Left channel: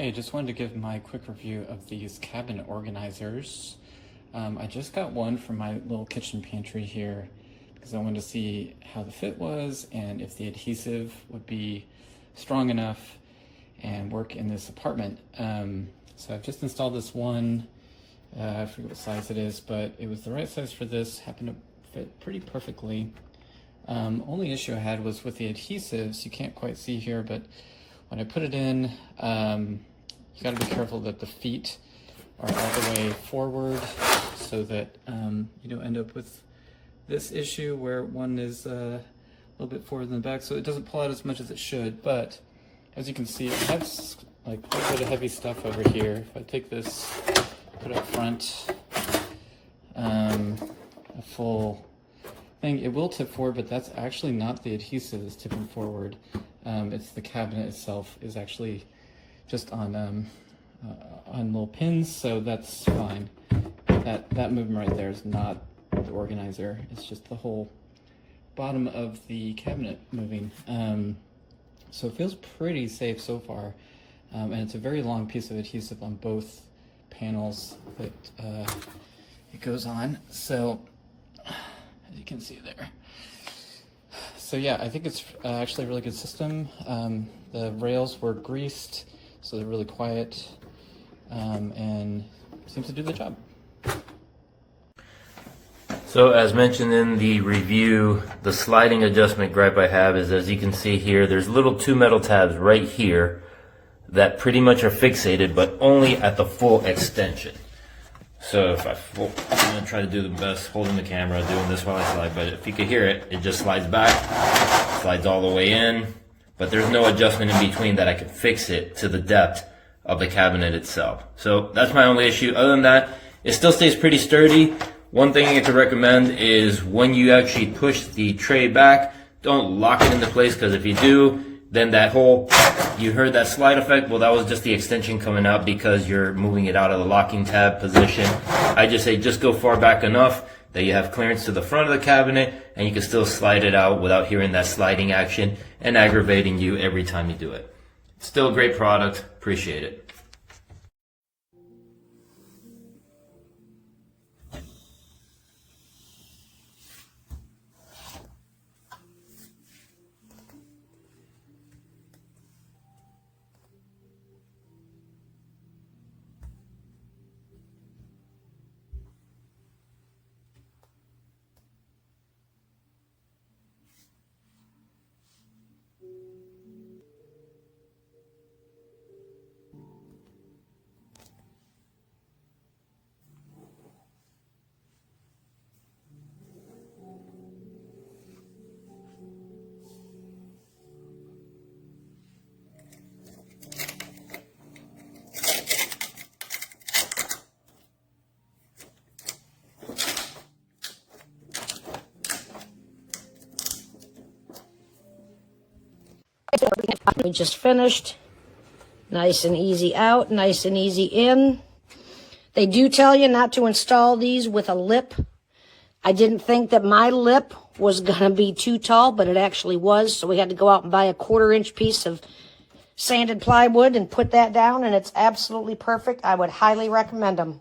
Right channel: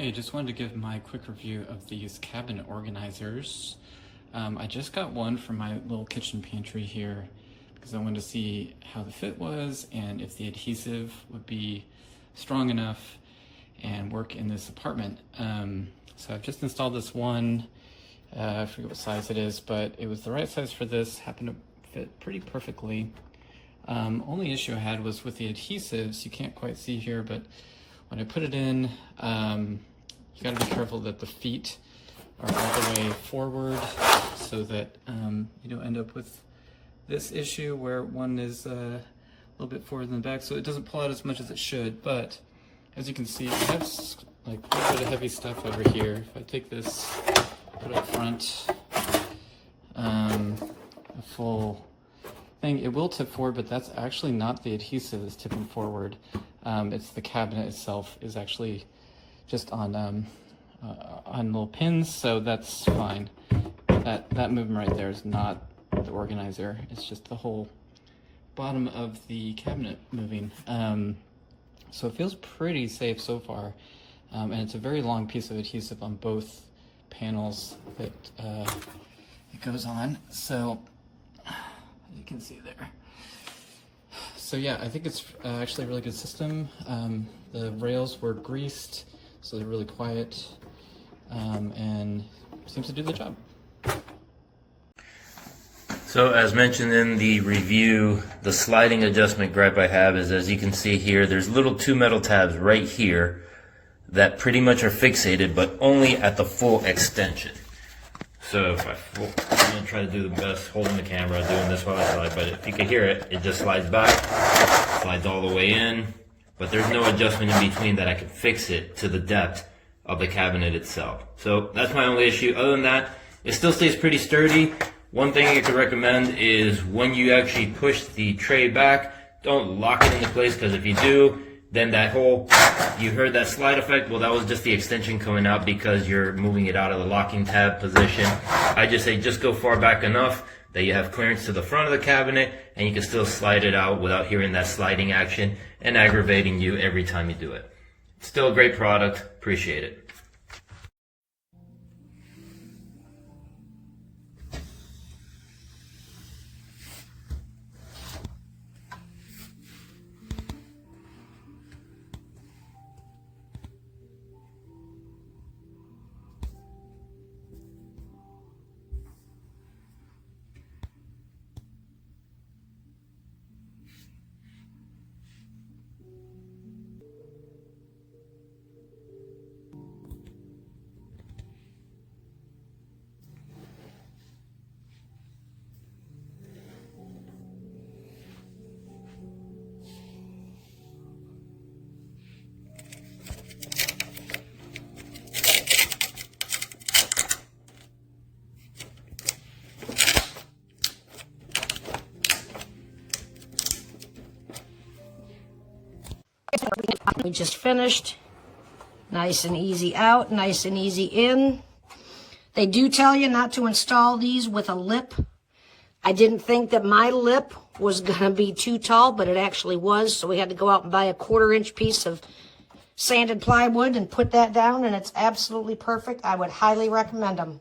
Hey, just wanted to give my quick review of these cabinet organizers. I just got one for my little kitchen pantry here because I wanted to see how the fit was and if the adhesive would be strong enough and work in this apartment. So I've just installed this one. I forget what size it is, but it was the right size for this, happened to fit pretty perfectly. Only issue I had was with the adhesives. You can't quite see here, but when I put it in, you gotta be careful that the feet are all the way forward so that you don't end up with this issue where one is a little bit forward than the back, so it doesn't pull out as much as it should. But as you can see, it has like a little bit of heavy stuff over here. If I take this, put it up front, a full thing, it will tip forward, but that's actually not the adhesive that's tipping forward. It's the cabinet itself is actually just on little pins, so that's fine. That movement right there is not the organizer. It's just the whole bottom of the cabinet moving. So it feels pretty safe so far, and it's a very long piece of adhesive on both panels that it goes on. So as you can see there. So yeah, I think it's actually a really good system. The rails were greased, so they're really quiet, and seems to do the job. So as mentioned in the review, the sliding adjustment gripe I have is, as you can see here, there's little two metal tabs right here that pretty much are fixated, but only at the full extension. So if I'm gonna try to do the best holding the camera, doing this one on the slide, but if you could hear it, it just slides back, slides all the way in, but there's no adjustment in between that I could fix it to the depth of the cabinet itself. So that's my only issue. Other than that, it still stays pretty sturdy. One thing I could recommend is when you actually push the tray back, don't lock it into place, because if you do, then that whole, you heard that slide effect? Well, that was just the extension coming out because you're moving it out of the locking tab position. I just say just go far back enough that you have clearance to the front of the cabinet and you can still slide it out without hearing that sliding action and aggravating you every time you do it. Still a great product. Appreciate it. We just finished. Nice and easy out, nice and easy in. They do tell you not to install these with a lip. I didn't think that my lip was going to be too tall, but it actually was. So we had to go out and buy a 1/4-inch piece of sanded plywood and put that down, and it's absolutely perfect. I would highly recommend them.